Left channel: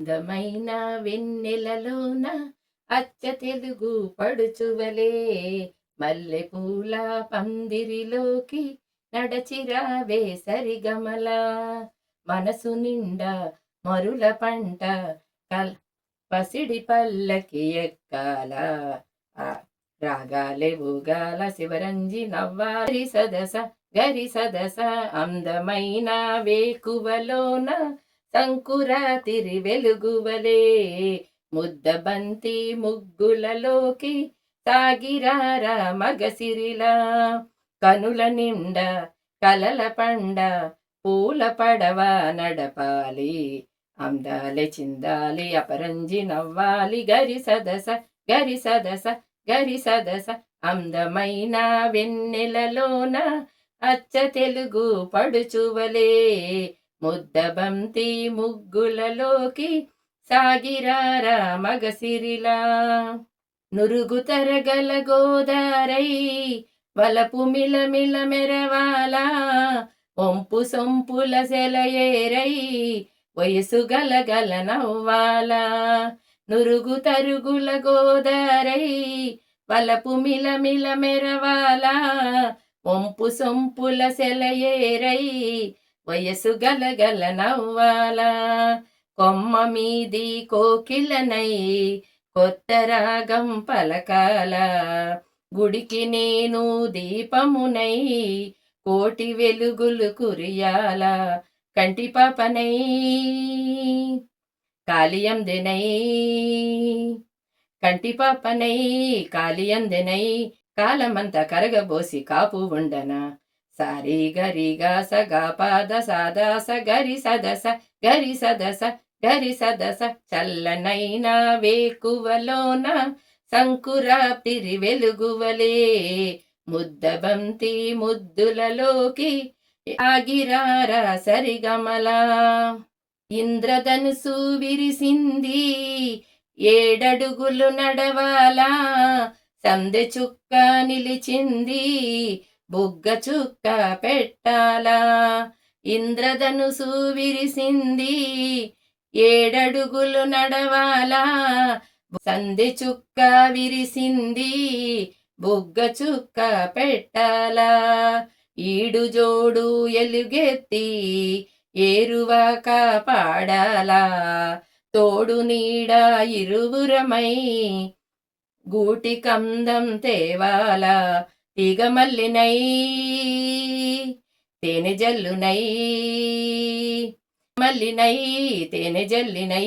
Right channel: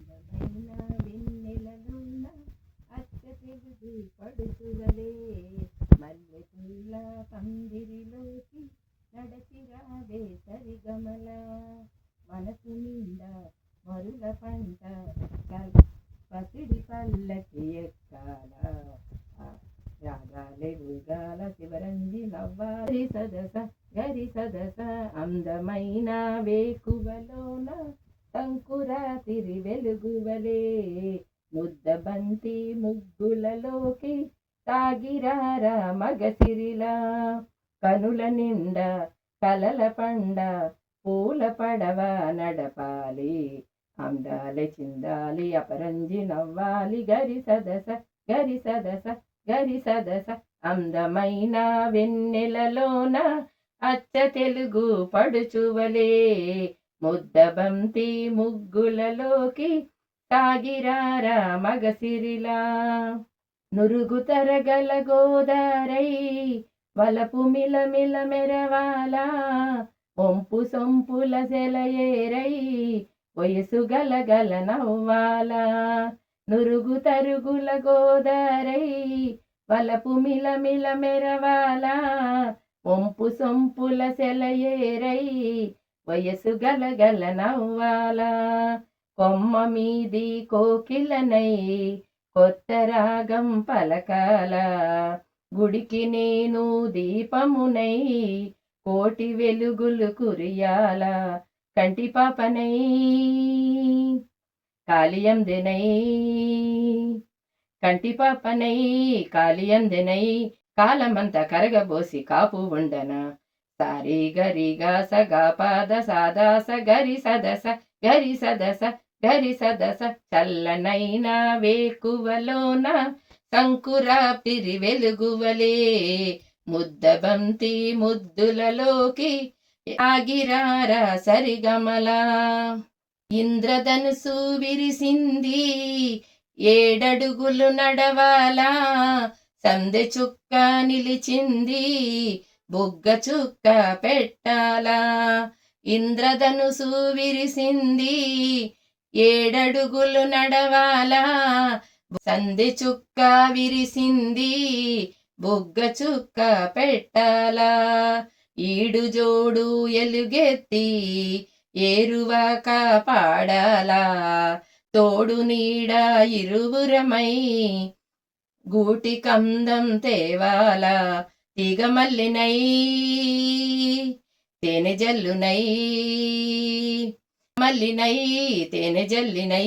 అందమైన వెన్నెలలోన అచ్చ తెలుగు పడుచువలే. మల్లె పూల పందిరిలోకి నడచిరావే సరిగమల. మనసు నిండా మరుల పంట కల్ పసిడి పల్లకి ఎక్కాల. రాగాలే ఊగాల శివరంజి నవ్వాలి సదస గరి సదస అందమైన వేకువలోన సంకురాతిరి వెలుగువలే ముద్దబంతి ముగ్గులలోకి తాగిరారా మగసిరిలా కనుల నిండ కలల పండ పూల పడవ నడపాలి. అందాలి చిందాలి అపరంజి నవ్వాలి. గరి సదస గరి సదస గరి సదస. అందమైన వెన్నెలలోన అచ్చ తెలుగు పడుచువలే. ముద్దబంతి ముగ్గులలోకి సాగిరారా మగసిరిలా. నురుగు తరగల గోదారై వలపు మిలమిల మెరవాల. ఒంపు సొంపుల సెలయేరై వయసు గలగల నవ్వాల. నురుగు తరుగుల గోదారై వలపు మిలమిల మెరవాల. ఒంపు సొంపుల సెలయేరై వయసు గలగల నవ్వాలా కొమ్మ మీది కోకిలనై కొత్త రాగం పలకాల? గుడికి నేను దీపమునై కోటి వెలుగులు కురియాల? కంటి పాపనై కాలియందెనై కంటి పాపనై కాలియందెనై కాలమంత కరగబోసి కాపు ఉండనా సారి స సగా పాద సాదా స గరి సదస గరి సదస గరి సదస చల్లనైన వేకువలోన సంకురాపిరి వెలుగువలే ముద్దబంతి ముద్దులలోకి ఆగిరారా సరిగమలా. ఇంద్రధనుసు విరిసింది ఏడడుగులు నడవాలా. సందె చుక్క నిలిచింది బుగ్గ చుక్క పెట్టాలా. ఇంద్రధనుసు విరిసింది. ఏడడుగులు నడవాలా. సంధి చుక్క విరిసింది. బుగ్గ చుక్క పెట్టాలా. ఈడు జోడు ఎలుగెత్తి. ఏరువాక పాడాలా తోడు నీడ ఇరువురమై. గూటి కందం తేవాలా. తీగమల్లినై తేనె జల్లునై మల్లినై తేనె జల్లినై